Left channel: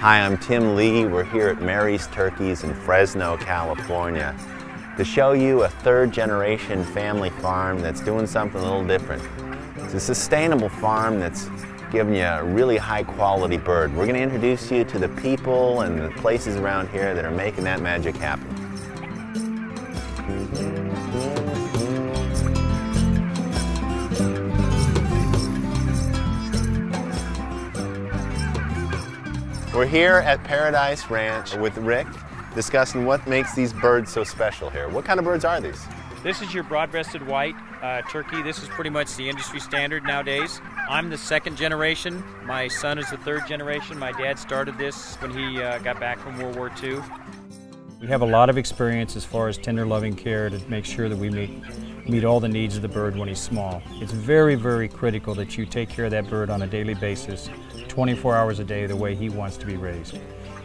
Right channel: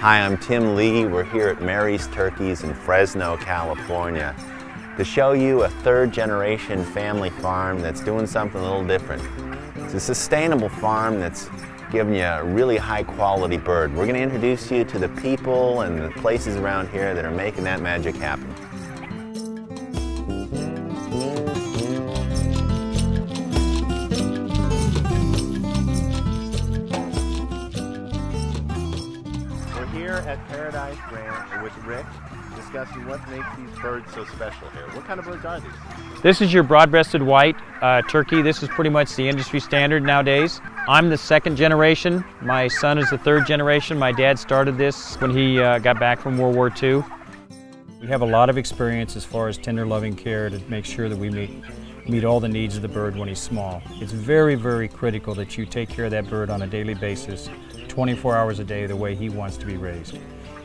Hi, I'm Tim Lee. We're here at Mary's Turkeys in Fresno, California to show you a third-generation family farm that's doing something a little different. It's a sustainable farm that's giving you a really high-quality bird. We're going to introduce you to the people and the places around here that are making that magic happen. We're here at Paradise Ranch with Rick, discussing what makes these birds so special here. What kind of birds are these? This is your broad-breasted white turkey. This is pretty much the industry standard nowadays. I'm the second generation. My son is the third generation. My dad started this when he got back from World War II. We have a lot of experience as far as tender loving care to make sure that we meet all the needs of the bird when he's small. It's very, very critical that you take care of that bird on a daily basis, 24 hours a day, the way he wants to be raised.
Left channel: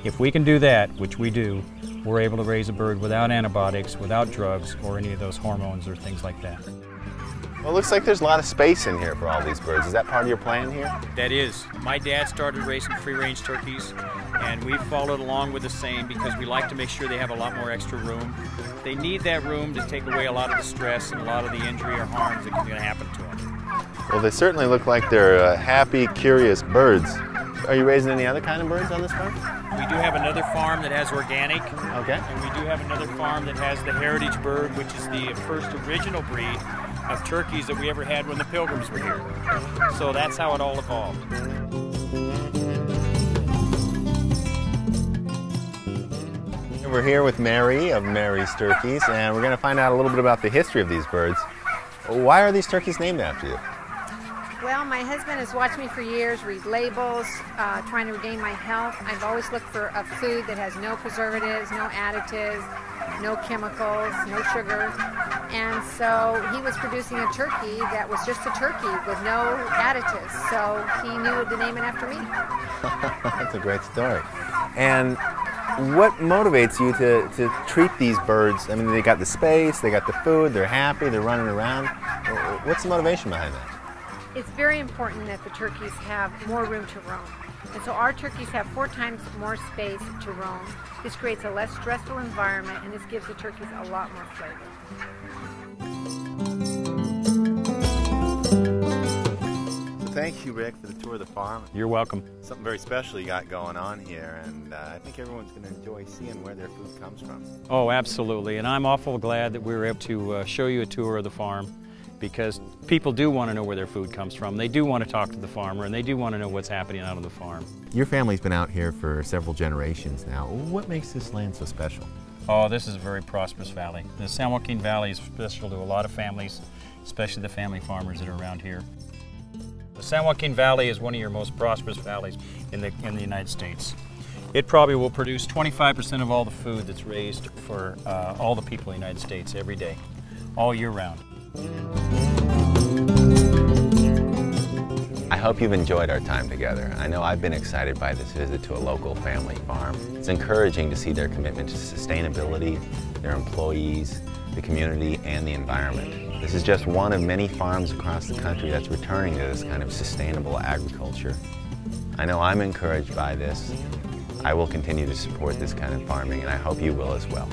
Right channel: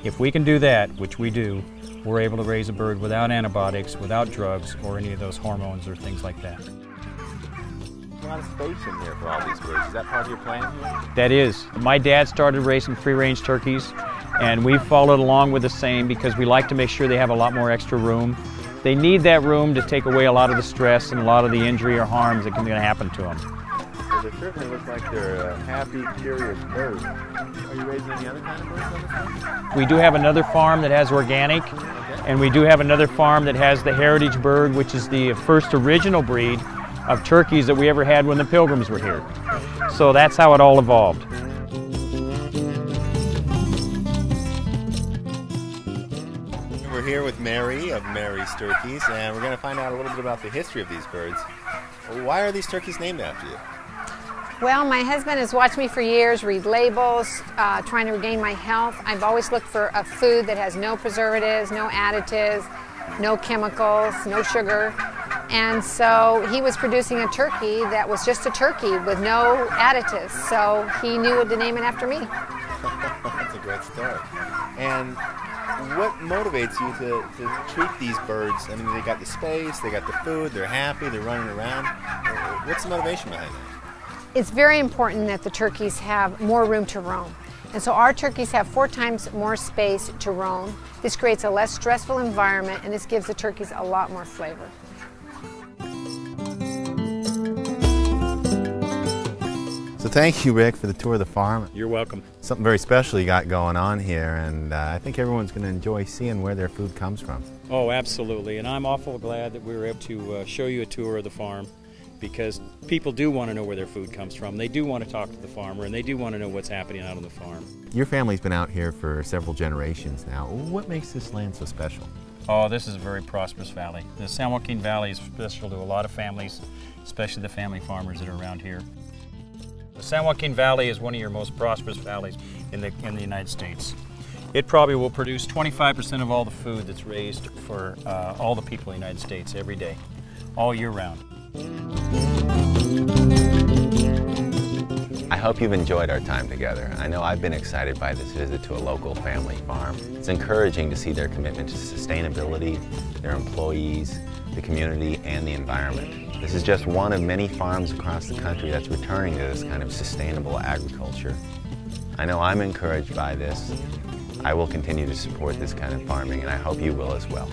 If we can do that, which we do, we're able to raise a bird without antibiotics, without drugs, or any of those hormones or things like that. Well, it looks like there's a lot of space in here for all these birds. Is that part of your plan here? That is. My dad started raising free-range turkeys, and we've followed along with the same because we like to make sure they have a lot more extra room. They need that room to take away a lot of the stress and a lot of the injury or harms that can happen to them. Well, they certainly look like they're happy, curious birds. Are you raising any other kind of birds on this farm? We do have another farm that has organic, and we do have another farm that has the heritage bird, which is the first original breed of turkeys that we ever had when the Pilgrims were here. So that's how it all evolved. We're here with Mary of Mary's Turkeys, and we're going to find out a little bit about the history of these birds. Why are these turkeys named after you? Well, my husband has watched me for years read labels, trying to regain my health. I've always looked for a food that has no preservatives, no additives, no chemicals, no sugar. And so he was producing a turkey that was just a turkey with no additives. So he knew to name it after me. That's a great start. And what motivates you to treat these birds? I mean, they got the space, they got the food, they're happy, they're running around. What's the motivation behind that? It's very important that the turkeys have more room to roam. And so our turkeys have 4 times more space to roam. This creates a less stressful environment, and this gives the turkeys a lot more flavor. So thank you, Rick, for the tour of the farm. You're welcome. Something very special you got going on here, and I think everyone's going to enjoy seeing where their food comes from. Oh, absolutely. And I'm awful glad that we were able to show you a tour of the farm, because people do want to know where their food comes from. They do want to talk to the farmer, and they do want to know what's happening out on the farm. Your family's been out here for several generations now. What makes this land so special? Oh, this is a very prosperous valley. The San Joaquin Valley is special to a lot of families, especially the family farmers that are around here. The San Joaquin Valley is one of your most prosperous valleys in the United States. It probably will produce 25% of all the food that's raised for all the people in the United States every day, all year round. I hope you've enjoyed our time together. I know I've been excited by this visit to a local family farm. It's encouraging to see their commitment to sustainability, their employees, the community, and the environment. This is just one of many farms across the country that's returning to this kind of sustainable agriculture. I know I'm encouraged by this. I will continue to support this kind of farming, and I hope you will as well.